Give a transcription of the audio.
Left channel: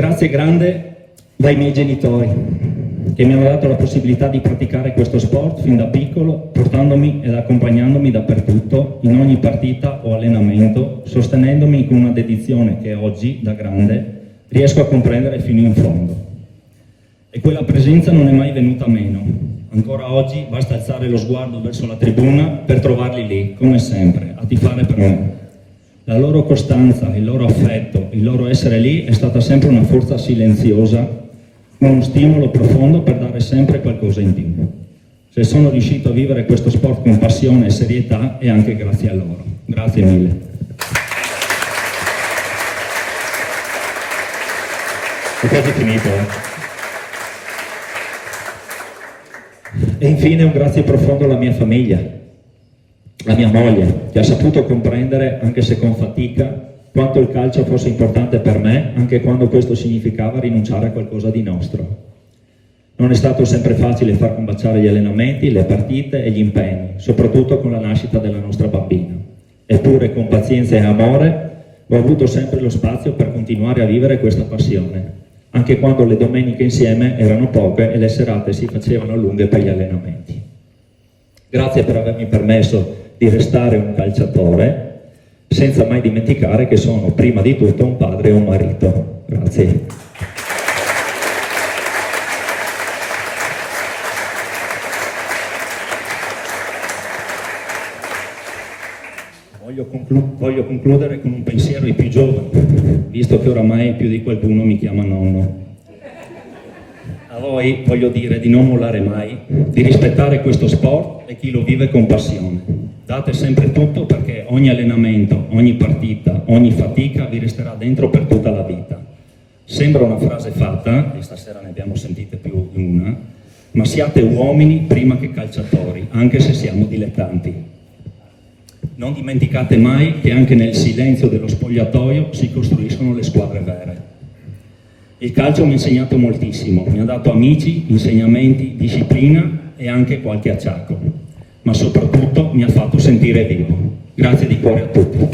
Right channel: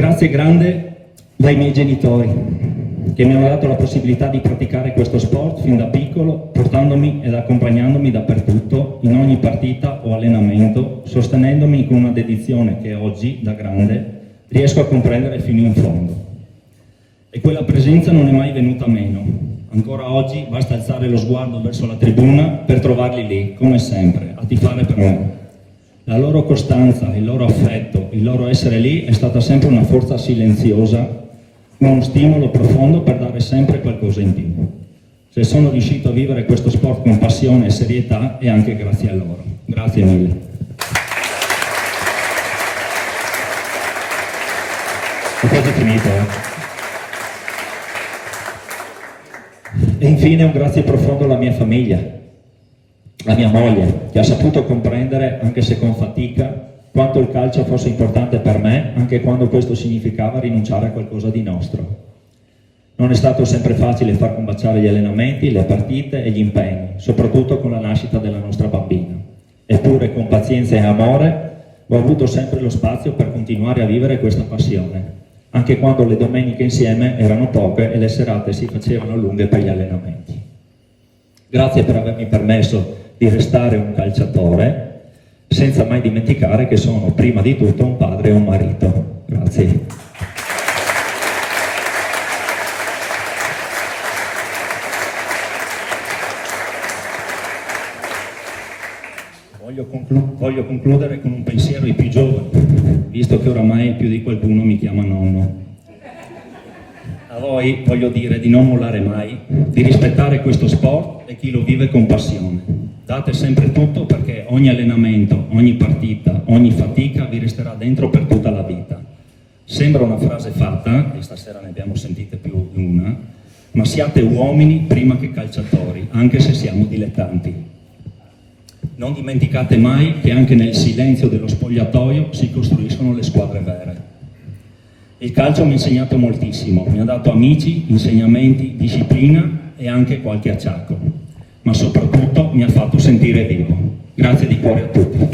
grazie grande dai miei genitori, che mi hanno dato la possibilità di praticare questo sport fin da piccolo, portandomi ed accompagnandomi dappertutto, in ogni partita o allenamento, sostenendomi con una dedizione che oggi, da grande, riesco a comprendere fino in fondo. E quella presenza non è mai venuta meno. Ancora oggi basta alzare lo sguardo verso la tribuna per trovarli lì, come sempre, a tifare per me. La loro costanza, il loro affetto, il loro essere lì è stata sempre una forza silenziosa, uno stimolo profondo per dare sempre qualcosa in più. Se sono riuscito a vivere questo sport con passione e serietà è anche grazie a loro. Grazie mille. Ho quasi finito, E infine un grazie profondo alla mia famiglia, a mia moglie, che ha saputo comprendere, anche se con fatica, quanto il calcio fosse importante per me, anche quando questo significava rinunciare a qualcosa di nostro. Non è stato sempre facile far combaciare gli allenamenti, le partite e gli impegni, soprattutto con la nascita della nostra bambina. Eppure, con pazienza e amore, ho avuto sempre lo spazio per continuare a vivere questa passione, anche quando le domeniche insieme erano poche e le serate si facevano lunghe per gli allenamenti. Grazie per avermi permesso di restare un calciatore, senza mai dimenticare che sono prima di tutto un padre e un marito. Grazie. Voglio concludere con un pensiero ai più giovani, visto che oramai più di qualcuno mi chiama nonno. A voi voglio dire di non mollare mai, di rispettare questo sport e chi lo vive con passione. Date sempre tutto, perché ogni allenamento, ogni partita, ogni fatica vi resterà dentro per tutta la vita. Sembra una frase fatta, e stasera ne abbiamo sentite più di una, ma siate uomini prima che calciatori, anche se siamo dilettanti. Non dimenticate mai che anche nel silenzio dello spogliatoio si costruiscono le squadre vere. Il calcio mi ha insegnato moltissimo, mi ha dato amici, insegnamenti, disciplina e anche qualche acciacco, ma soprattutto mi ha fatto sentire vivo. Grazie di cuore a tutti.